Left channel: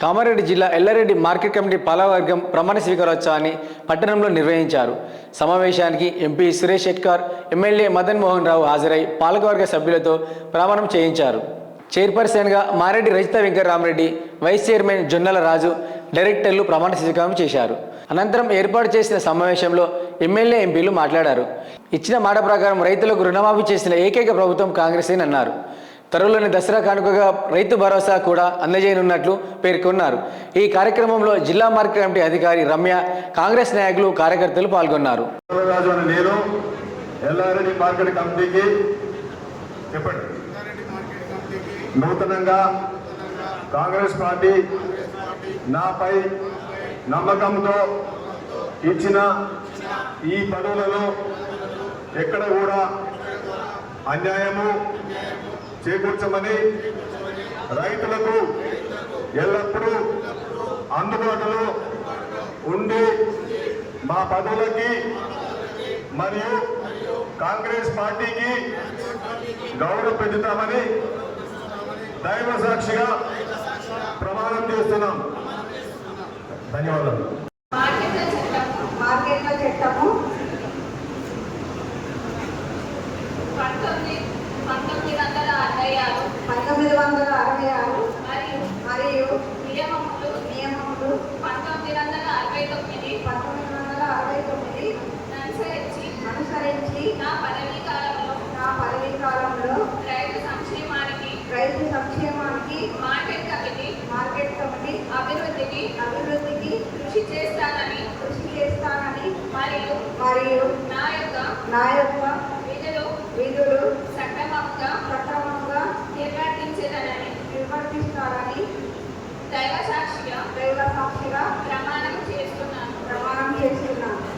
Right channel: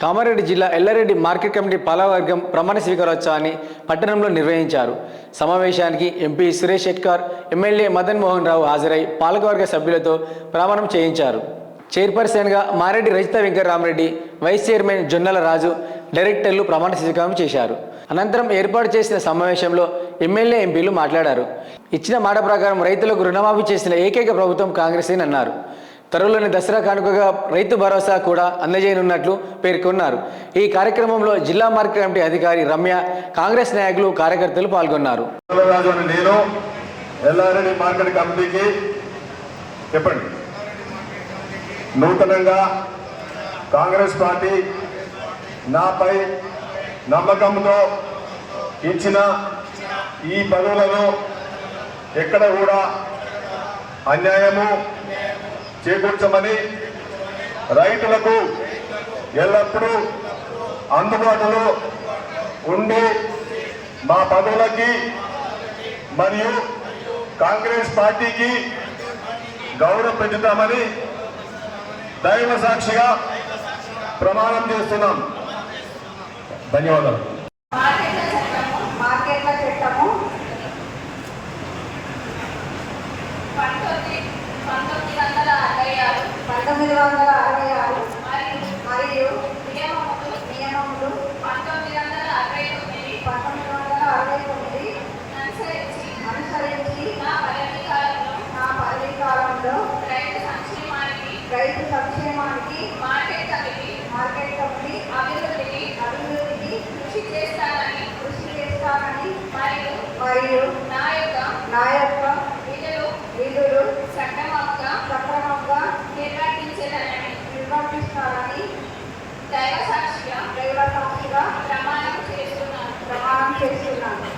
కామారెడ్డి జిల్లా Yellareddy market committee పాలకవర్గం ప్రమాణ స్వీకారోత్సవాన్ని పట్టణంలో నిర్వహించారు. సమావేశానికి ఎంపీ సురేష్ షెట్కార్, ఎమ్మెల్యే మదన్ మోహన్ రావు హాజరై పాలకవర్గ సభ్యులతో ప్రమాణం చేయించారు. చైర్పర్సన్గా మారెడ్డి రజిత వెంకటరామరెడ్డి, వైస్ చైర్మన్ జొన్నల రాజు, డైరెక్టర్లు ప్రమాణ స్వీకారం చేశారు. అనంతరం ఏర్పాటు చేసిన సమావేశంలో ఎమ్మెల్యే, ఎంపీలు మాట్లాడారు. ఇచ్చిన మాట ప్రకారం రైతులకు రుణమాఫీ చేసిన ఏకైక ప్రభుత్వం కాంగ్రెసేనన్నారు. త్వరలోని దసరా కానుకగా రైతు భరోసా కూడా అందజేయనున్నట్లు పేర్కొన్నారు. ఈ కార్యక్రమంలో జిల్లా మార్కెట్ కమిటీ అధికారి రమ్య, కాంగ్రెస్ నాయకులు, కార్యకర్తలు పాల్గొన్నారు. నూతనంగా కాంగ్రెస్ పార్టీ నాపై నమ్మకంతో ఇచ్చిన ఈ పనులను ఎక్కడ కూడా అన్యాయము చేకూర్చమని, రైతులకు ఎల్లప్పుడూ అందుబాటులో ఉండి మా పనులకి మరియు కాంగ్రెస్ పార్టీకి గౌరవం పెంచుతామని దైవ సాక్షిగా ప్రమాణం చేస్తున్నాం. ధన్యవాదాలు. మార్కెట్ల చట్టము 1966 మరియు నియమములు 1969 అనుసరించి నా పదవీ కాలంలో రైతు సంక్షేమానికి మార్కెట్ కమిటీ అభివృద్ధికి కృషి చేస్తానని మరియు నా యొక్క విధులు సక్రమంగా నిర్వర్తిస్తానని దైవ సాక్షిగా ప్రమాణం చేస్తున్నాను.